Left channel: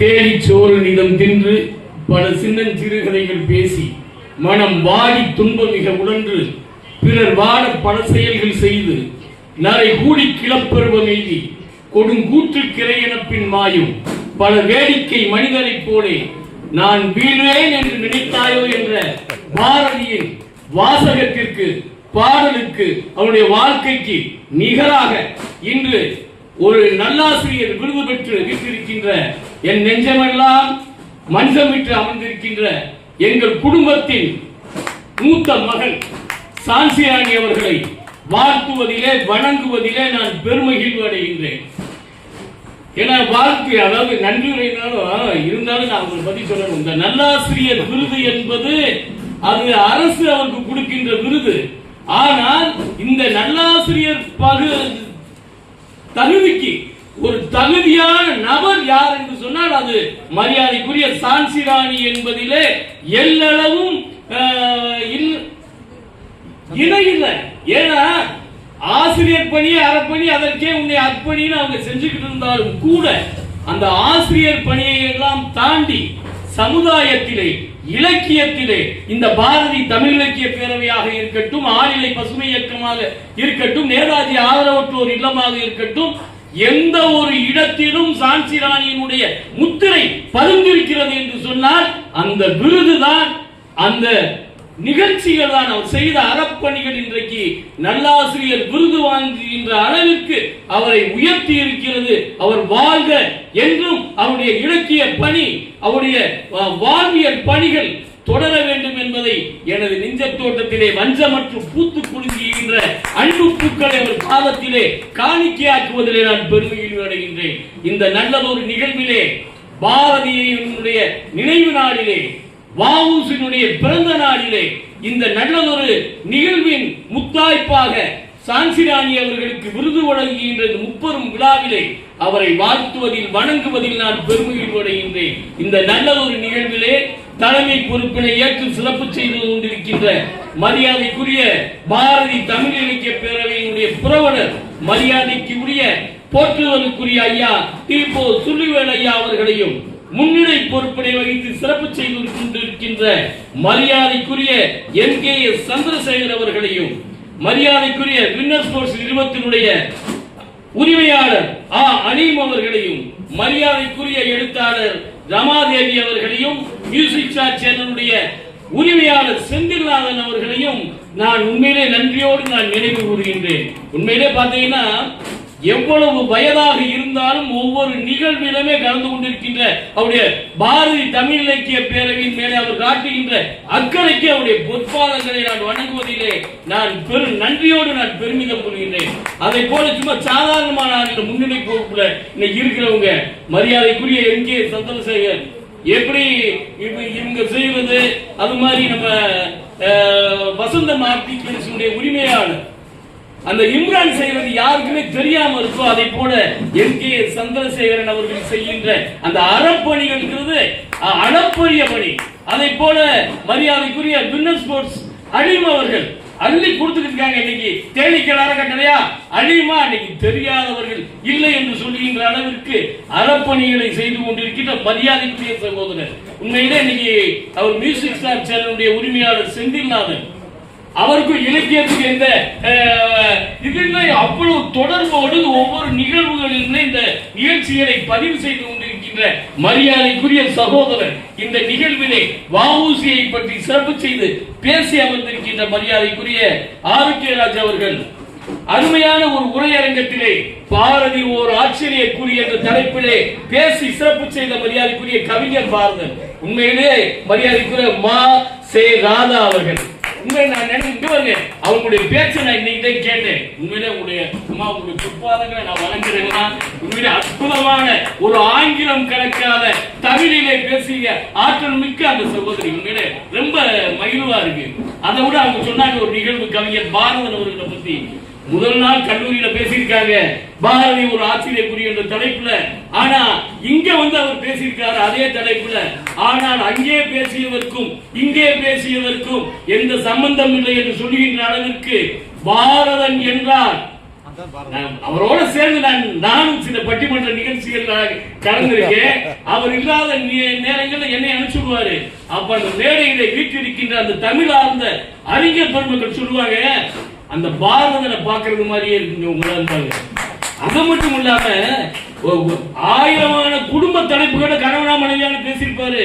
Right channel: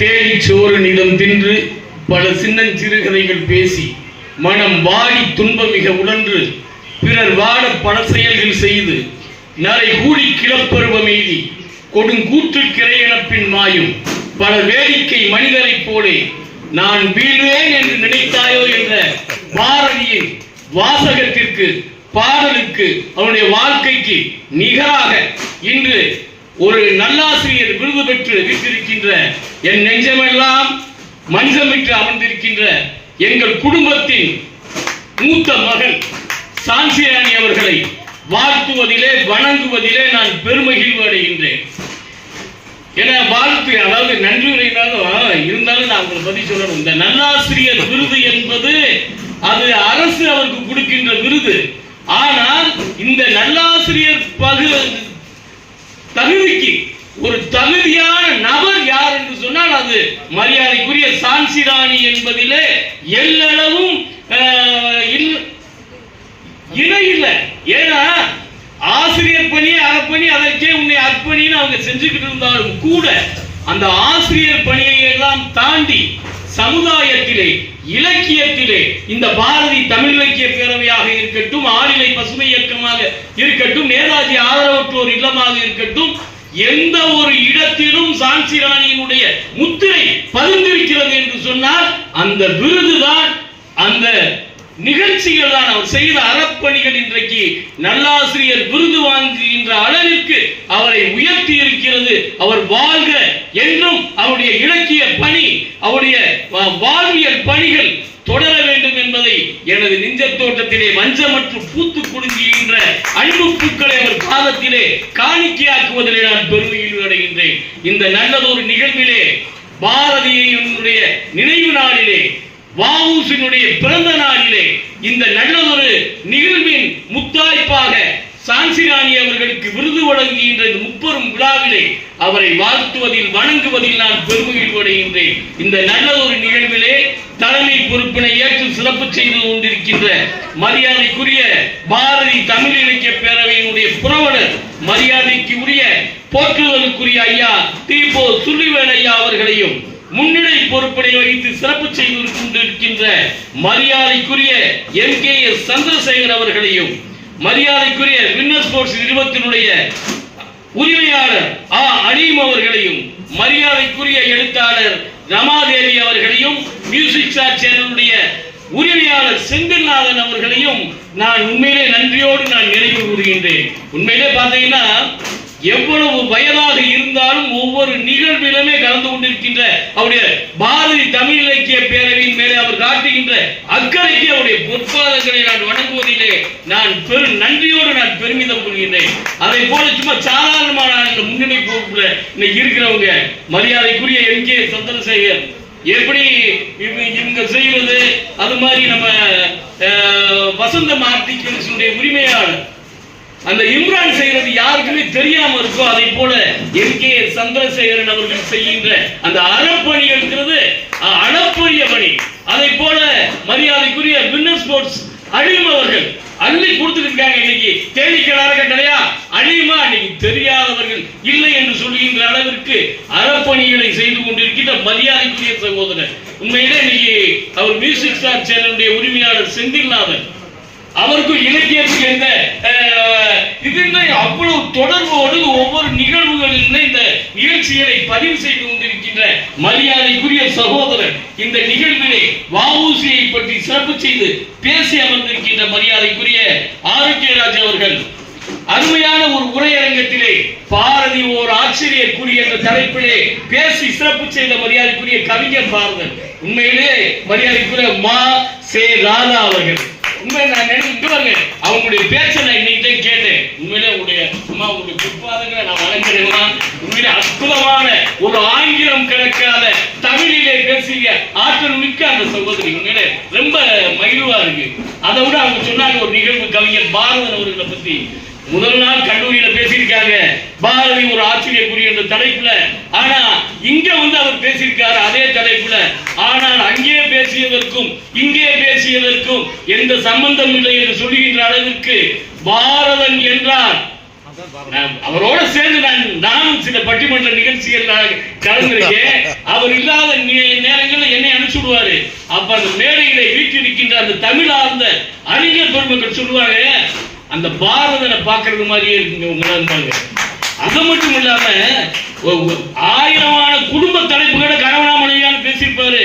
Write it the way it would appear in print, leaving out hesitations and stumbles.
தேடிச்சோறு நிலம் தின்று பல சின்னஞ்சிறுகதைகள் பேசி மனம் வாடி துன்பமிக உழன்று பிறர் வாட பல செயல்கள் செய்து நரை கூடி கிளப்பருவம் எய்தி கொடுங்கூற்று கிரையனப்பின் மாயும் பல வேடிக்கை மனிதரைப் போலே நான் வீழ்வேன் என்று நினைத்தாயோ என்ற பாரதியின் வாசகத்திற்கு பாடலுக்கு அவனுடைய வாழ்க்கைக்கு நிகராக இன்று ஒரு நல்லாசிரியர் விருது பெற்று வீட்டிருக்கின்ற என் நெஞ்சமெல்லாம் மஞ்சமிட்டு அமர்ந்திருக்கின்ற எங்கள் குடும்பத்தின் மூத்த மகள் சான்சிராணி அவர்களை வாழ்த்துவதிலே வணங்குவதிலே நான் பெருமகிழ்வு அடைகின்றேன். ஏன்னா வாழ்த்து, அதாவது நன்றி இருந்தாலும் நான் உங்களுக்கு பதில் சொல்லணும். இந்த நல்லாசிரியர் விருது என்பது அது அரசு அவருக்கு கொடுக்கின்ற விருது. ஆனால் இந்த நல்லாசிரியர் தகுதிக்கு ஒரு தகுதியான நபர் யார் என்று சொன்னால் அது மரியாதைக்குரிய சான்சிராணி என்பதிலே எல்லளவும் இணையில்லை. ஏன்னா ஆசிரியர் பணி அறப்பணி அதற்கே உன்னை அர்ப்பணின்னு அவங்க செஞ்சுக்கிட்டு இருந்தாலும் கூட அந்த ஆசிரியர் பணியை எல்லாம் தாண்டி சமுதாயத்திலே இலக்கியத்திலே இந்த பாரதி தமிழ் இலக்கிய பேரவையாக இருக்கட்டும், ஆளிலை பசுமை இயக்கமாக இருக்கட்டும், நேதாஜி ஆதரவற்றோர் இல்லமாக இருக்கட்டும், எந்த ஒரு இடத்திலும் சான்சிராணியினுடைய முத்திரை பதிந்திருக்கிறது என்று சொன்னால் அந்த விருதுதான், அந்த நிகழ்ச்சிகள் தான். அவர் செய்த அறப்பணிகள் இன்றைக்கு நல்லாசிரியர் விருது வாங்குகின்ற அளவிற்கு அவரை உயர்த்தி இருக்கிறது. அவர் வாழ்க என்றும் அவருடைய இலக்கிய பணி, அவருடைய வாழ்வியல் பணிகள் தொடர வேண்டும் என்பதை எனது நெஞ்சத்தோட்டத்திலே வஞ்சமற்று பூத்து குலுங்குகின்ற அன்பு பூக்களை அவர் காலத்திலே காணிக்கையாக்குவதிலே நான் பெருமையில் அடைகின்றேன். இந்த நல்லதொரு நிகழ்விலே பாரதியினுடைய நினைவு நாளிலே, வ.உ.சி.யினுடைய பிறந்த நாளிலே, இந்த நல்லதொரு நிகழ்வின் முத்தாய்ப்பாக சான்சிராணி அவர்களுக்கு விருது வழங்குகின்ற முப்பெரும் விழாவிலே அவரை வாழ்த்துவதில் வணங்குவதில் நான் பெருமையில் அடைகின்றேன். இந்த நல்லதொரு நிகழ்விலே தலைமை பொறுப்பினை ஏற்று சிறப்பு செய்து கொண்டிருக்கின்ற மரியாதைக்குரிய பாரதி தமிழ் இலக்கிய பேரவையினுடைய புரவலர், மரியாதைக்கு உரிய போற்றுவதற்குரிய ஐயா தீபோ சுள்ளிவேல் ஐயா அவர்களையும், முன்னிலை பொறுப்பினை வைத்து சிறப்பு செய்து கொண்டிருக்கின்ற மரியாதைக்குரிய எம்.கே.எஸ். சந்திரசேகர் அவர்களையும், மரியாதைக்குரிய வின்னர் ஸ்போர்ட்ஸ் நிறுவனத்தினுடைய உரிமையாளர் அலீம் அவர்களையும், மரியாதைக்குரிய எழுத்தாளர் ரமாதேவி அவர்களையும், மியூசிக் ஸ்டார் சேனலுடைய உரிமையாளர் செந்தில்நாதன் அவர்களையும் நான் உண்மையிலே நன்றியோடு நான் நினைவு கூறுகின்றேன். உண்மையிலே பார்த்தீங்கன்னா எவ்வளவு வயதாக இருந்தாலும் ஒவ்வொரு நிகழ்விலுமே கலந்து கொண்டிருக்கின்ற அவருடைய பாரதி தமிழ் இலக்கிய பேரவையின் மேலே அவர் காட்டுகின்ற அக்கறைக்கு அவருடைய பொற்பாதங்களை நான் வணங்குவதிலே நான் நன்றியோடு நான் பெருமிதம் கொள்கின்றேன். அதை போல சும்மா சாதாரணமான முன்னணி பொறுப்புல இன்னைக்கு இருக்கிறவங்க மரியாதைக்குரிய எம்.கே. சந்திரசேகர் எப்படி இவங்க செய்வது, அது மாதிரி நம்ம வசந்த ஆர்டிகல்ஸுடைய உரிமையாளர் அந்த இம்ரான் செய்வது யாருக்குமே தெரியாம இருக்கோ, அதை போல எம்.கே. சந்திரசேகரன் அவர்கள் செய்கின்ற அந்த அறப்பணிகள் அளப்பரிய பணி. அதை போல மரியாதைக்குரிய வின்னர் ஸ்போர்ட்ஸ் அலீம் அவர்கள் அள்ளி கொடுத்துருக்காங்க. இன்னைக்கு தேனீக்கள் அறக்கட்டளையா அலீமா இன்னைக்கு தெரியாதவர்கள் இல்லை என்று சொல்லுகின்ற அளவிற்கு அறப்பணிகளை செய்து கொண்டிருக்கின்ற மரியாதைக்குரிய சகோதரர். உண்மையிலே இன்னைக்கு அவர் மியூசிக் ஸ்டார் சேனலுடைய உரிமையாளர் செந்தில்நாதன் அவருக்கும் இலக்கியத்துக்கு எந்த இதுல அவ்வளவு தொடர்போடு ஒவ்வொரு நிகழ்வுகளில் இந்த நிகழ்ச்சிகளை பதிவு செய்து கொண்டிருக்கின்ற மரியாதைக்குரிய சகோதரர் இந்த நிகழ்விலே வ.உ.சி.யை பற்றி சிறப்பு செய்து பேசி அமர்ந்திருக்கின்ற மரியாதைக்குரிய ஆரோக்கியராஜ் அவர்கள் அருமையான ஒரு உரையரங்கத்திலே பாரதி ஓர் ஆச்சரிய கூறிய என்ற தலைப்பிலே பேசி சிறப்பு செய்த மரியாதைக்குரிய கவிஞர் பாரதன். உண்மையிலே மரியாதைக்குரிய மா. சே. ராதா அவர்கள் உண்மையில நான் நினைச்சுட்டு அவங்களுடைய பேச்சை நான் இன்னைக்கிட்டே கேட்டேன். உண்மையில உங்களுடைய பிற்பாதங்களை நான் வழங்குறேன்னா உண்மையில அற்புதமான ஒரு ஆங்கிலம் கணக்காத தமிழிலே பேசிய ஆற்றல் மிக்க அந்த சகோதரி உண்மையில ரொம்ப மகிழ்வா இருக்கு. அதை விட அவங்க சொன்னாங்க ஒரு நிகழ்வு கவிஞர் பாரதன் அவர்களை பத்தி முதல் நாள் கல்லூரியில பேசியிருக்காங்க பாரதி ஒரு ஆச்சரியக்குரிய என்ற தலைப்புல. ஆனா இங்க அவர் பேசியிருக்காரு அதே தலைப்புல. ஆனால் அங்கே பேசியதற்கும் இங்கே பேசியதற்கும் எந்த சம்பந்தம் இல்லை என்று சொல்லுகின்ற அளவிற்கு பாரதன் என்றால் அவரோட சேர்ந்து நானும் சில பட்டிமன்ற நிகழ்ச்சிகள் கலந்திருக்கேன். அவர் இல்லாத நேரங்களில் என்னை அனுப்பிச்சுடுவாரு. அப்ப அந்த மேடையில வீட்டிருக்கின்ற அந்த தமிழ் ஆர்ந்த அறிஞர் பெருமக்கள் சொல்லுவாங்க, அந்த பாரதனை பார்க்கறது மாதிரியே இருக்குங்க உங்களால். அது மட்டும் இல்லாம 1000 குடும்ப தலைப்புகளை கணவனா மனைவியான்னு பேசியிருப்பாரு.